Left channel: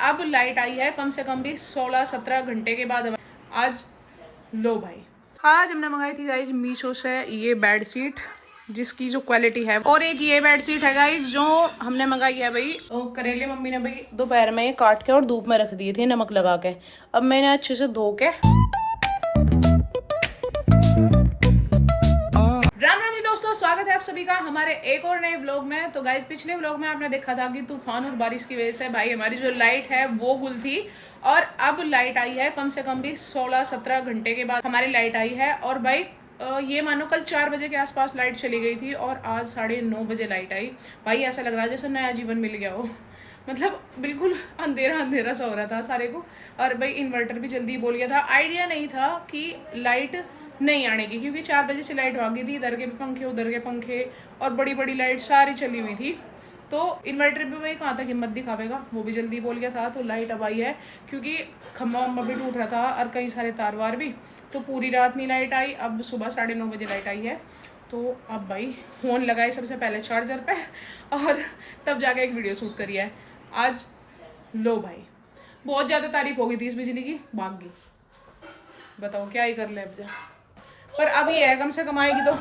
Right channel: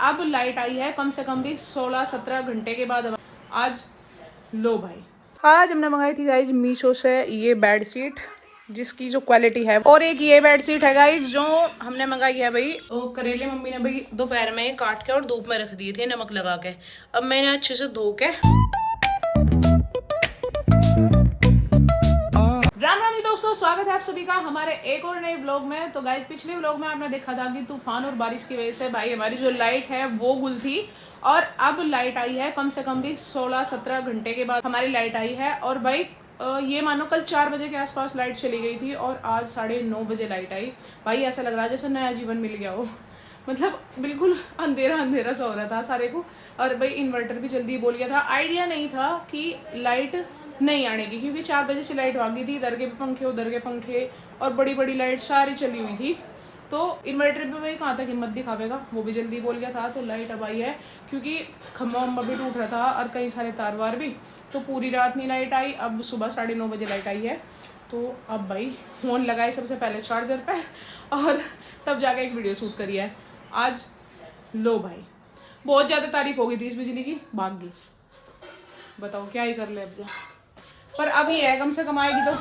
अब लाइट आई है कम से कम भी 16-17 घंटे के बाद। आज लो भाई, आज हमने मंगाई थी गाइज मीशो से ये बेड शीट, जिसकी जो क्वालिटी है, और एक ये बेड शीट है गाइज जो हमने मंगाई है भाई। करेले मम्मी ने भाई दोपहर में काट के और धूप में रख दिए थे नमक लगा के। अब मैंने अच्छे से धो के दोस्तों स्वागत है आप सभी का हमारे एक और नए व्लॉग में। तो गाइज पिछले व्लॉग में आपने देखा था कि तूफान और बारिश की वजह से भाई हमारी जो लाइट है वो गुल थी, और अब लाइट आई है कम से कम भी 16-17 घंटे के बाद हमारी लाइट आई है। और भाई ये मानो कल 4 बजे के आसपास लाइट चली गई थी और आज 9:30 बजे लाइट आई। भाई ऐसा लग रहा है जैसे नया जीवन मिल गया हो, मतलब बिल्कुल अंधेरा अंधेरा सा हो रहा था सारे को। और भाई इन्वर्टर भी जल्दी बोल गया था, आइडिया नहीं था कि लाइट नहीं आने की, क्योंकि 4 बजे से लाइट भागी थी, इधर के भी पंखे उधर के पंखे और बड़ी बड़ी लाइट सारी चली हुई थी। तो इन्वर्टर भी भाई कहाँ तक हिम्मत दिखावेगा, वो भी जल्दी बोल गया था। तो लाइट अब आई है क्योंकि खम्भा वम्बा भी टूट रहा था और कई सारे तार वार भी, तो पूरी रात नहीं लाइट आई। अब सुबह 9:30 बजे लाइट आई है। तो अब भाई फ़ोन लगाए सबसे पहले चार्जर पे और तब जाके एक वीडियो शूट करी है आज। लो भाई बहुत ज़्यादा तारीफ हो गई थी इस बिजली की, भाग गई। बताओ क्या ही कर ले अब, पर अभी है कम से कम आएगी तो।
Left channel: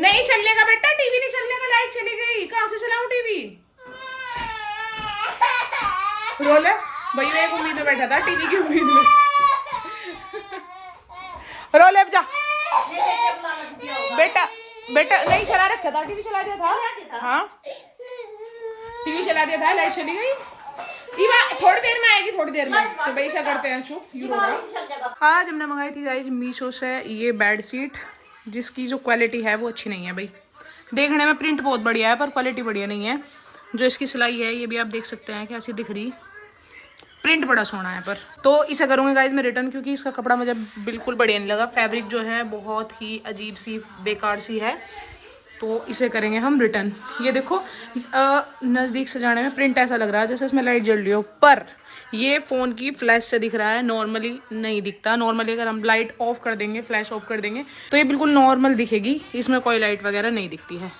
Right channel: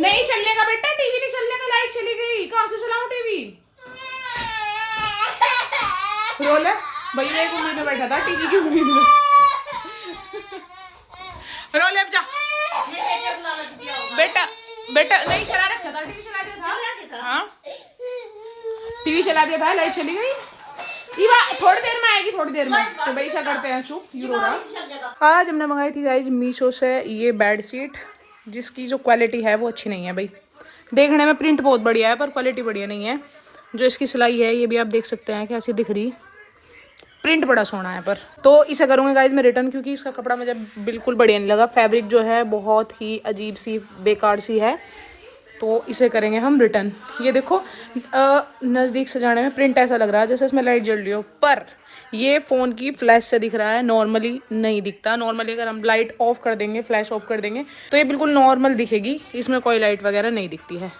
नहीं चलने का बेटा, टीवी नहीं चलने का, लाइट चली गई, कहाँ से चलाऊं टीवी। रोल है भैया, एक उम्मीद में बैठा था टीवी की उम्मीद में। रोल अब जा बेटा, बेटा नहीं चला रखा था, टीवी चला दिया था। हाँ टीवी चला दिया था, लाइट चली गई। थोड़ी देर में आएगी, थोड़ी देर में। तो भाई ऐसा करते हैं, चुप यू रो रहा। आज हमने मंगाई थी गाइज मीशो से ये बेड शीट, जिसकी जो क्वालिटी है वो अच्छी नहीं है भाई। देखने में प्रिंट बहुत बढ़िया है पर क्वालिटी बढ़िया नहीं है। जो इसकी सिलाई है ये भी आप देख सकते हैं कैसी दिख रही, प्रिंट बड़ा सोना है पर। तो इसे करूँगी गाइज मैं रिटर्न, क्योंकि इसका कपड़ा मुझे बिल्कुल बढ़िया नहीं लगा। फैब्रिक जो है बहुत ही अजीब सी बेकार सी है, तो इसे करेंगे हम रिटर्न। ये देखो नज़दीक से जाने में प्रिंट ऐसा लग रहा है जैसे इसमें लाइट जल रही हो, पर ये फ़ोन की फ्लैश से दिख रहा है, नॉर्मली नहीं दिखता। नॉर्मली अगर हम लाइट ऑफ कर देंगे, फ्लैश ऑफ कर देंगे, तो ये बिल्कुल नॉर्मल दिखेगी, इसमें कोई लाइट वगैरह नहीं दिखती है।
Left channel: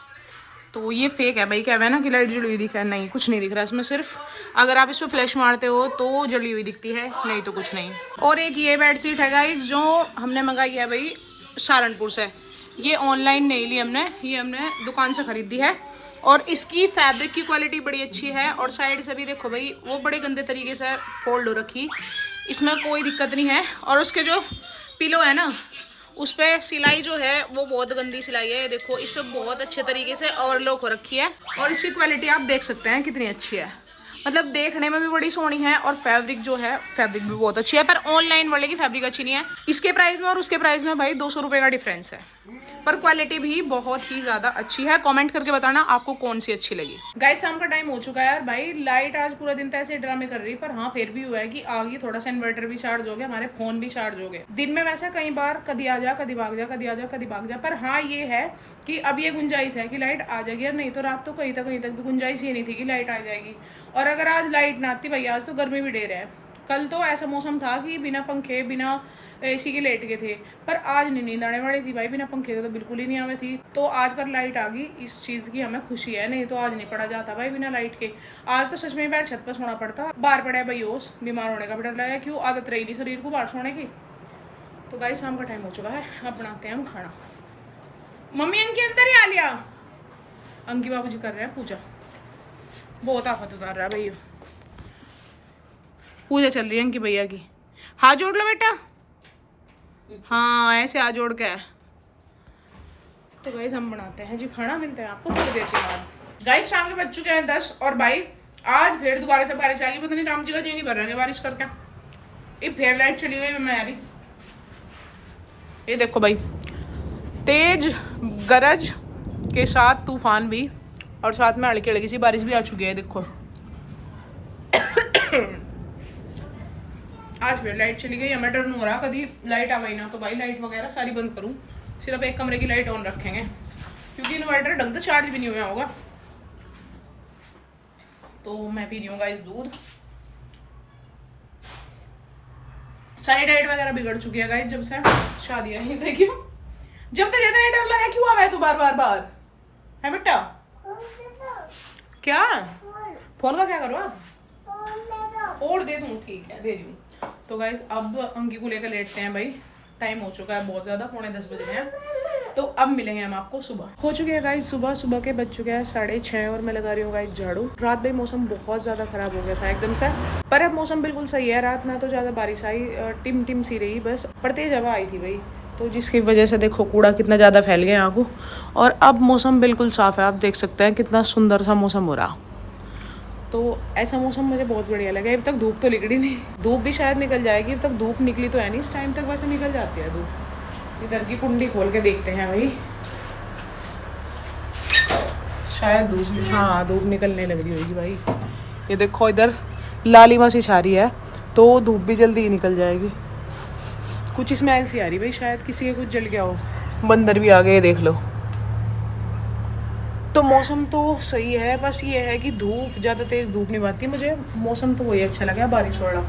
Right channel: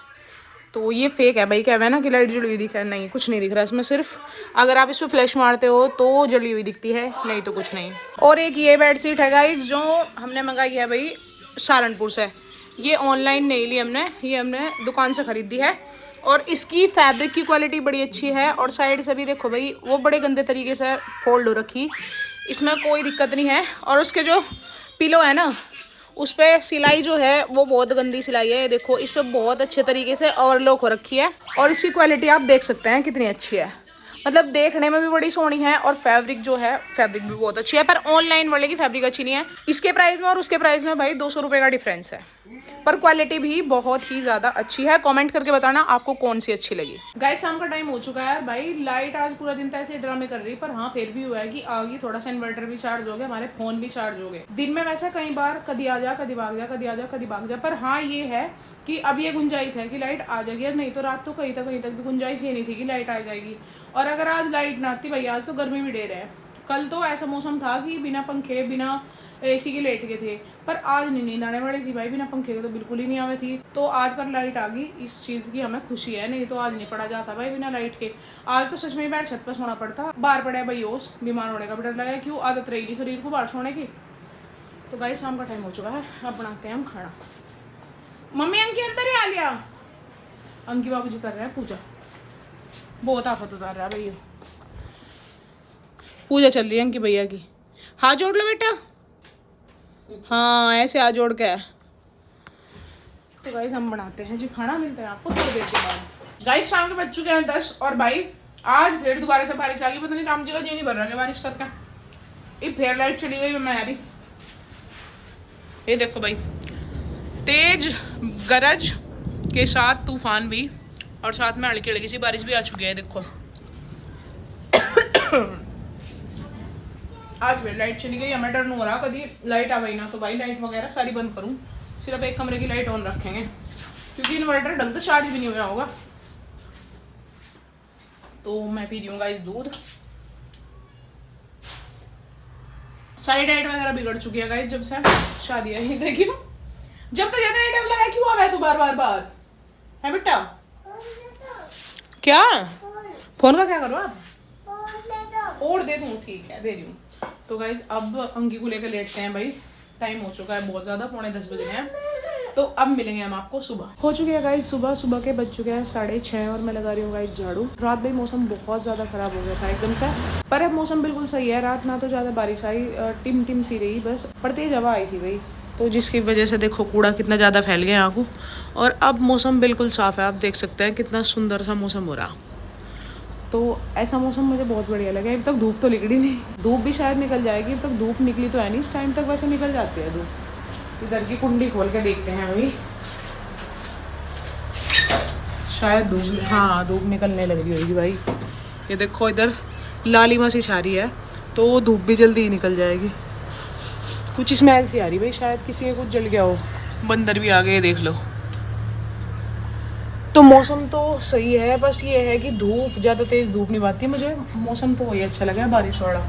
तो ये फेक है भाई, क्या है ना कि लाइट जली हुई दिखा है, नहीं कुछ नहीं दिख रहा इसमें। सिर्फ अगर आप इसमें फ्लैश मारते हो तो जली हुई दिखती है, नहीं तो कुछ नहीं। और एक ये बेड शीट है गाइस जो हमने मंगाई है भाई सहारनपुर से। ये ऑनलाइन नहीं ली हमने, ये हमने दुकान से खरीदी है। और इसकी फैब्रिक की क्वालिटी बड़ी अच्छी है, और साइड से भी देखो भाई वो बड़े गंदे तरीके से फोल्ड हो रखी, इसमें कोई दिक्कत नहीं है। और उसके जो पिलो है ना, उस पर सिलाई जो है वो बहुत गंदी सिलाई है। देखो इस पर बहुत अच्छे तरीके से ओवरलॉक हो रखी है, और इसकी क्वालिटी आप देख सकते हैं कितनी अच्छी है। मतलब देखने में भी बड़ी सोहनी है, और फैब्रिक जो है फैब्रिक भी बहुत अच्छी है। पर ऑनलाइन वाले की फैब्रिक अच्छी नहीं है। इसके प्राइस में और उसके प्राइस में भाई 200 रुपये का डिफरेंस है, पर क्वालिटी भी बहुत ही ज़्यादा अच्छी है। कमेंट करके बताना आपको कौन सी अच्छी लगी। गाइस शाम का टाइम हो चुका है यार, भाई लाइट आज पूरा दिन तो ऐसे ड्रामे कर रही, पर हाँ फिर भी हुआ है कि आ गई। थोड़ा सा इन्वर्टर भी चार्ज हो गया, हमारे फोन भी चार्ज हो गए। दिन में वैसे कई बार कभी आ जा कभी भाग जा, कभी आ जा कभी भाग जा, पर हाँ ये है कि अब ये गुंजाइश है कि लाइट आ जाएगी। और नहीं तो रात तो कहीं तक भी गुंजाइश ही नहीं थी कि लाइट आ जाएगी। और अगर आज लाइट ना आती भाई, आज तो गर्मी भी ढेर है। कल तो ऐसा मौसम था कि बिना पंखे बिना एसी के लेट गए थे, पर आज नहीं नींद आने वाली थी भाई, बिना पंखे के तो बिल्कुल ही नहीं आवे थी। तो आज पर लाइट आ गई, इस चीज़ की हमें खुशी है, नहीं तो आज नहीं पड़ा जाता भाई बिना लाइट के। आज तो सच में बैठ छत पर सोना पड़ता। बाहर पड़ा है भाई ओस, बीमार होने का भी डर लगा, क्यों आदत रहेगी शरीर को बाहर सोने की। तो गाइस शाम का टाइम हो चुका है, अब बनाते हैं हम खाना। मम्मी अंकी अंदर ही आ लिया, अंकी बाबू जी कर रहे हैं पूजा। बहुत आफत उतार रहा है भैया, पूजा चल रही है अंकी भैया की। हाथ जोड़ लो बेटा, हाँ ऐसे हाथ जोड़ के। तो गाइस हम बनाते हैं जी खाना, मिलते हैं आपको थोड़ी देर के बाद। गाइस शाम के बज चुके हैं 10, और भाई आज फिर दोबारा से बारिश आ गई। पता नहीं राम जी का जी नहीं भर रहा है बारिश करके, ये फिर लाइट चली गई मैं यारी। ये देखो भाई तेज गरज के साथ तूफान भी, और साथ में हल्की हल्की सी बारिश भी आ चुकी है। देखो आज फिर लाइट चली गई, हमें डर नहीं हो रहा कभी लाइट आ गई ना तो भाई लाइट वगैरह सारी बंद करूं, सिर्फ एक कमरे की लाइट ऑन रखेंगे, क्योंकि इन्वर्टर ढंग से चार्ज भी नहीं हुआ होगा। तो मैं पी रही हूँ गाइस दूध। सारी डाइट वगैरह बिगड़ चुकी है गाइस जब से शादी आई। देखियो जब तक जनरेटर लगा क्यों आ रहा है तू बार बार है बेटा? क्या फोन का क्या करो आप? और दे दूँ, ठीक है दे दूँ। तो गाइज अब अंकी को लेकर लेटते हैं भाई, टाइम हो चुका है बहुत ज़्यादा, 9:45 बज रहे हैं। तो अब मिलेंगे हम आपको सुबह। हो चुके हैं गाइज सुबह के बज चुके हैं 6:30 और मैं लगा रही हूँ गाइज झाड़ू। रात भाई मौसम बहुत ज़्यादा ख़राब हो गया था एकदम से, पर अब मौसम बिल्कुल सही है। रात ना तो ज़्यादा बारिश आई, टिम टिम सी रही बस, पर तेज हवा आई थी भाई, तो जिसकी वजह से देखो कूड़ा कितना ज़्यादा फैल गया यहाँ को। और अब मौसम बिल्कुल साफ़ है, आप देख सकते हैं कितना सुंदर सा मौसम हो रहा। तो ऐसा मौसम मुझे बहुत बढ़िया लगा। अभी तक धूप तो निकली नहीं, धूप भी शायद निकल जाएगी, अब तक धूप निकली तो है नहीं, इस टाइम तक वैसे निकल जाती है धूप। इधर की कुंडी खोल के देखते हैं भाई, शायद धूप, हाँ धूप निकलने लग रही होगी भाई। ये देखो इधर लालिमा सी छा रही है, तो धूप भी जल्दी ही निकल जाएगी। कुछ स्मेल सी आ रही भाई, शायद किसी के कुछ जल गया हो, बंदर भी आ गए देख लो। तो मौसम तो सही है, बस ये है कि धूप ज़्यादा तेज़ धूप नहीं पाती मुझे। मौसम तो वही अच्छा लगा बारिश वाला,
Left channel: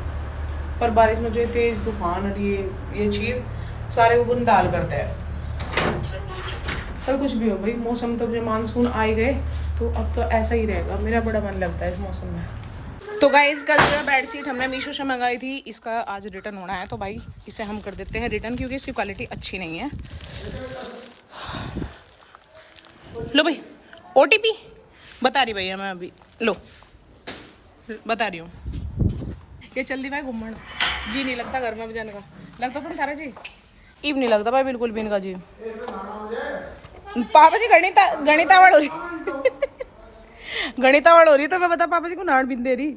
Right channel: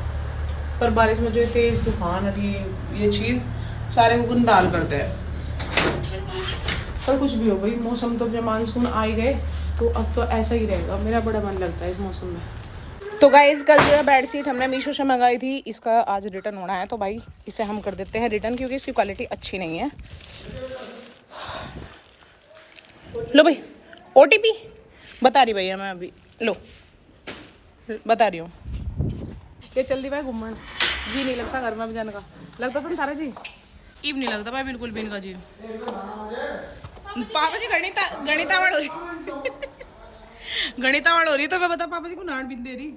पर बारिश में जो तेज़ तूफान और ये चीज़ सारे को बंदाल करते हैं। पर कुछ भी हो भाई, मौसम तो जब मानसून आ ही गए तो अब तो ऐसा ही रहेगा। मेरा बड़ा मन लगता है इस मौसम में। तो गाइस कल जो है बेडशीट हमने मीशो से मंगाई थी, इसका आज रिटर्न होना है, तो भाई इसे हम कर देते हैं रिटर्न, क्योंकि इसकी क्वालिटी अच्छी नहीं है। लो भाई OTP बता रही भैया मैं अभी, लो बता रही हूँ। ये चल दी भाई घूमन, जी नहीं लगता घर में जाने का, लगता तुम थारा जी ईब नहीं लगता भाई बिल्कुल भी इनका जी। पापा जी गणितावड़ हो रही गणितावड़ हो रही, तो मैं बता पापा जी को नाड़ बिन दे रही।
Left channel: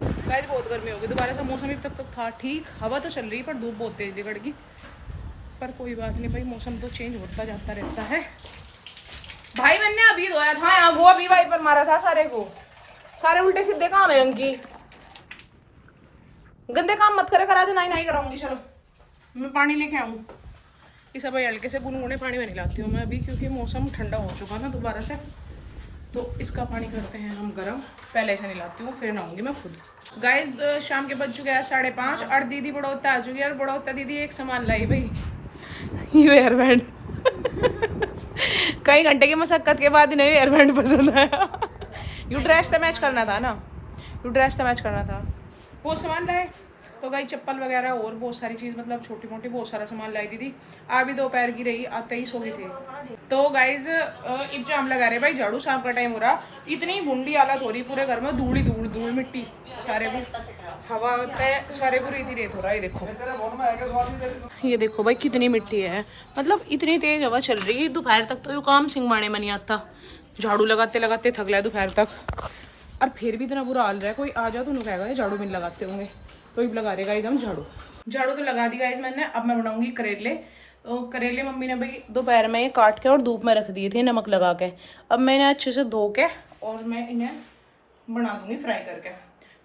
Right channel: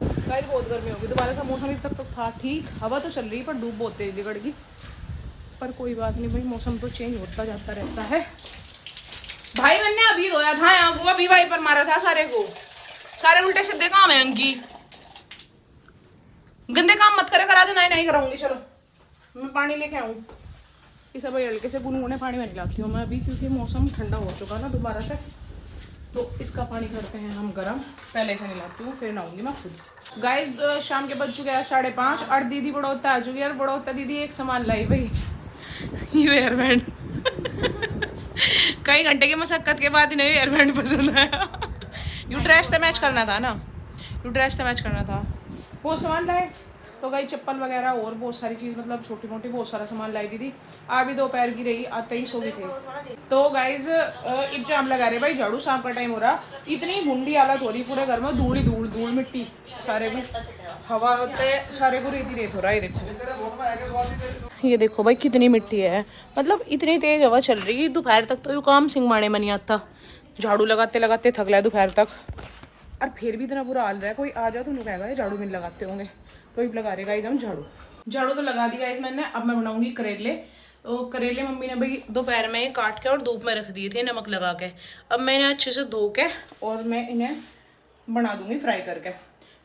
गाइस बहुत गर्मी होगी, दोबारा से मौसम तक तो था ठीक, हवा तो चल रही पर धूप बहुत तेज निकलेगी। पर कोई बात नहीं भाई, मौसम तो चेंज होता जाता रहता है। भाई मैंने अभी धोया था यहाँ को, अभी भाई पर मारा था सारे को, सारे उल्टे सीधे काम है अंकी। गंदे काम मत करे, करा जो नहीं करूंगी। चलो मैं पानी लेके आऊँ, इस भाई हल्के से गुनगुने पानी में नहलाती हूँ मैं अभी, क्योंकि मौसम ठंडा हो चुका ना दोबारा से, तो इसका पानी करते हैं हम गर्म। पहले ऐसा नहलाती हूँ फिर नहाऊंगी मैं खुद। गाइस शाम के बज चुके हैं 5:30 और दीदी बड़ौता आ चुकी है। और बड़ौता दीदी एक सामान लाई भाई, ये हेयर बैंड कई घंटे की मशक्कत के बाद इन्हें हेयर बैंड पसंद आया। यू ड्रेस तो मैच करना था ना, यू ड्रेस तो मैच करना था, वो सामान लाए। तो गई चप्पल वगैरह और बहुत सारी चीज़, मतलब छोटी मोटी बहुत सारा सामान लाई दीदी। अभी दोपहर की रही, आते ही सो गई थी। तो गाइज एग्जाम लगा रहे भाई झाड़ू, शाम का टाइम हो रहा, इतनी बुंडी हालत हो रही पूरे घर में, धूल ही धूल, धूल मिट्टी सारे में, हवा होता है सारे को रेत ही रेत हो रहा है। ये देखो भाई कितनी मिट्टी है, मतलब इतनी तेज हवा चल रही है। दोपहर तक तो यू काम सिंगमाने में नहीं आता, झाड़ू लगाते लगाते थक लिया दोपहर तक, और फिर भी इतना बुरा हाल रहा है। कोई आ जाओ तो उन्हें कहेगा झाड़ू मिल लगाते होंगे, तो अब लगा रहेगा हम झाड़ू तो लगा दी गाइस मैंने। अब मैं बनाऊंगी करेले। तो करेले मम्मी ने भाई दोपहर में काट के और धूप में रख दिए थे नमक लगा के। अब मैं इन्हें अच्छे से धो के और मैं इन्हें बना दूंगी फ्राई करके।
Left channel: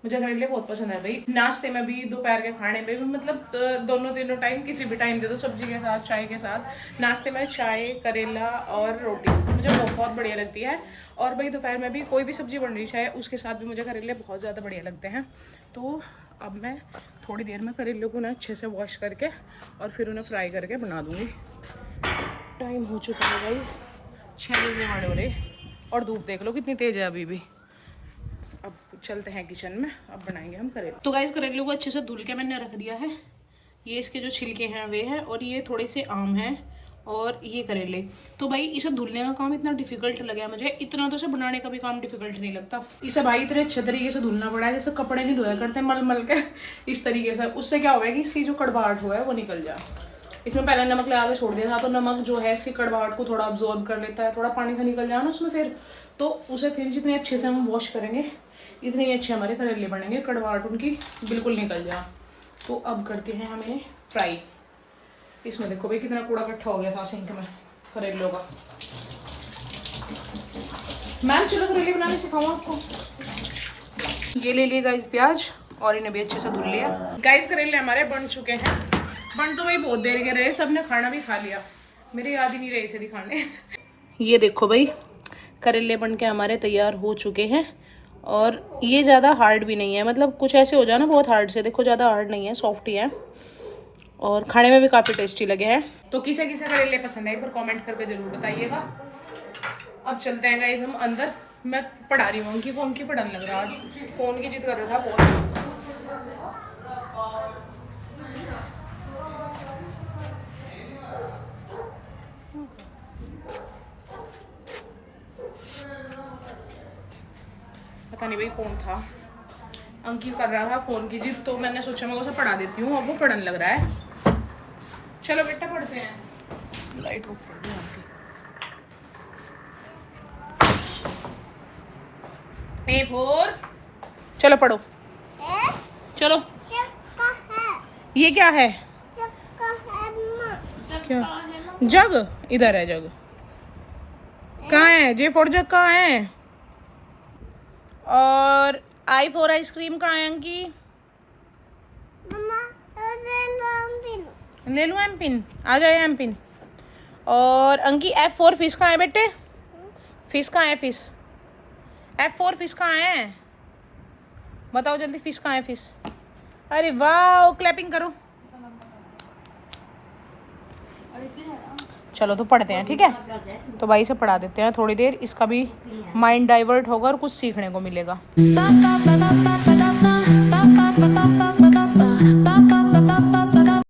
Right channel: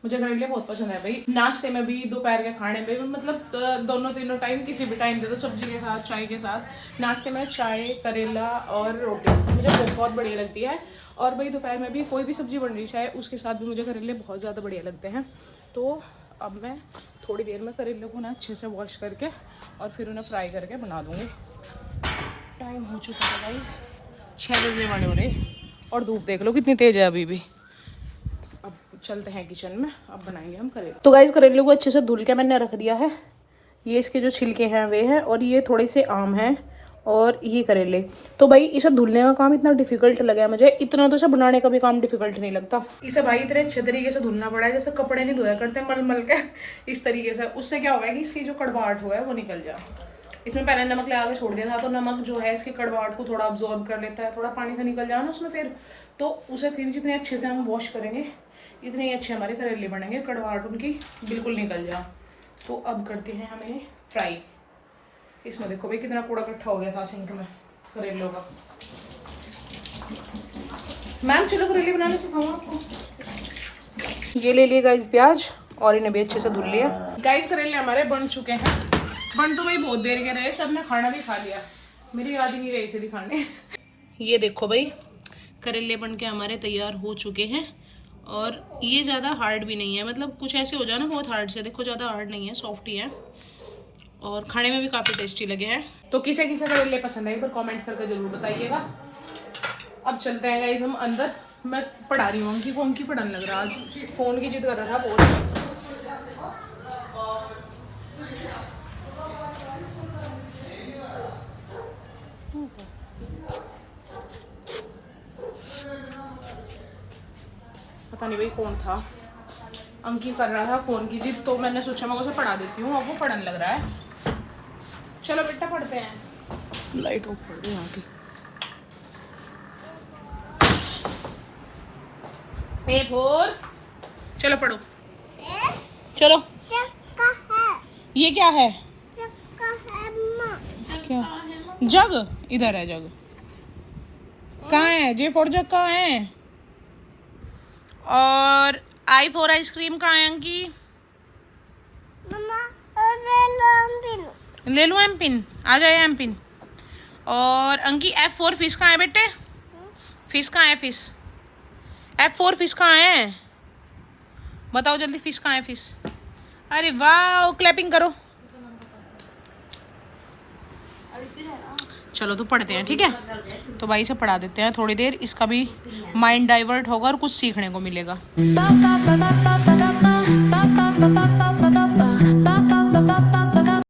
मुझे करेले बहुत पसंद है भाई, नाश्ते में भी दोपहर के खाने में भी, मतलब दोनों तीनों टाइम किसी भी टाइम दे दो, सब्जी के साथ चाय के साथ। नाश्ते में चाय करेला और रोटी मुझे बहुत बढ़िया लगती है। और भाई दोपहर में भी कोई भी सब्जी बन रही चाहे उसके साथ भी मुझे करेले बहुत ज़्यादा बढ़िया लगते हैं। तो अब मैं थोड़ी देर में करेले को ना अच्छे से वॉश करके और फिर उन्हें फ्राई करके बना दूँगी। टाइम हो चुका है भाई 6 बजे वाले हो रहे, और धूप देख लो कितनी तेज़ है अभी भी। अब चलते हैं किचन में, अब बनाएंगे हम करेले। तो गाइस करेले को अच्छे से धुल के मैंने रख दिया है। ये इसके जो छिलके हैं वे हैं, और ये थोड़े से आम हैं, और ये करेले। तो भाई इसे धुलने का काम इतना डिफिकल्ट लगा मुझे, इतना तो इसे बनाने का भी काम डिफिकल्ट नहीं लगता। इसे भाई इतने अच्छे तरीके से धुलना पड़ा है, जैसे कपड़े नहीं धोया करते मल मल के, इस तरीके से। उससे क्या होगा कि इसकी जो कड़वाहट हुआ है वो निकल जाए। इसमें पहले नमक लगा के छोड़ दिया था, तो नमक जो है इसकी कड़वाहट को थोड़ा अब्जॉर्ब कर लेता है, थोड़ा पानी से निकल जाए ना उसमें फिर, तो उसे फिर जितने अच्छे से हम वॉश करेंगे इतने ही अच्छे हमारे करेले बनेंगे, कड़वाहट उनकी बिल्कुल निकल जाए। तो अब करते हैं हम इन्हें फ्राई। इसमें देखो भाई कितना कूड़ा इकट्ठा हो गया था सिंक में करेलों का। मैम चलो करेले बनाने सिखाऊं आपको। ये ले लिए गाइस प्याज, और इन्हें भी अच्छे से धुल लिया। गाइस करेले हमारे बन चुके हैं, बन तो भाई बहुत देर के रहे, सबने खाना भी खा लिया, मेरे याद ही नहीं रहे थे दिखाने। ये देखो भाई करेले बन के हमारे तैयार हो चुके हैं, और ये ज़्यादा हार्ड भी नहीं है, मतलब कुछ ऐसे हो जाए ना बहुत हार्ड से, देखो ज़्यादा हार्ड नहीं है, सॉफ्ट ही है, और खाने में भी काफ़ी टेस्टी लगे हैं। तो किसे किसे करेले पसंद है एक बार कमेंट करके जरूर बताइएगा। अब चलते हैं गाइस हम अंदर। मैं पढ़ा रही हूँ अंकी को, अंकी पढ़ाने लग रहा आज, फ़ोन की जिद कर रहा था बहुत। पता नहीं भाई कौन था, अंकित कर रहा था फोन की जिद, तो मैंने सोचा मैं उसे पढ़ा देती हूँ, अब वो पढ़ने लग रहा है। चलो बेटा पढ़ते हैं। लाइट ऑफ कर दो वहाँ की। ए फोर, चलो पढ़ो, चलो। ये क्या है? क्या जग? इधर है जग। कहाँ है? जे फॉर जग कहाँ है? और आई फॉर आइसक्रीम कहाँ है अंकी? ले लो एम पिन, आ जाए एम पिन। और अंकी एफ फॉर फिश कहाँ है बेटे? फिश कहाँ है? फिश, एफ फॉर फिश कहाँ है? बताओ जल्दी, फिश कहाँ है? फिश, अरे वाह, क्लैपिंग करो। चलो तो पढ़ते हैं, ठीक है? तो भाई से पढ़ा देते हैं थोड़ी देर, इसका भी माइंड डाइवर्ट होगा और कुछ सीखने को मिलेगा।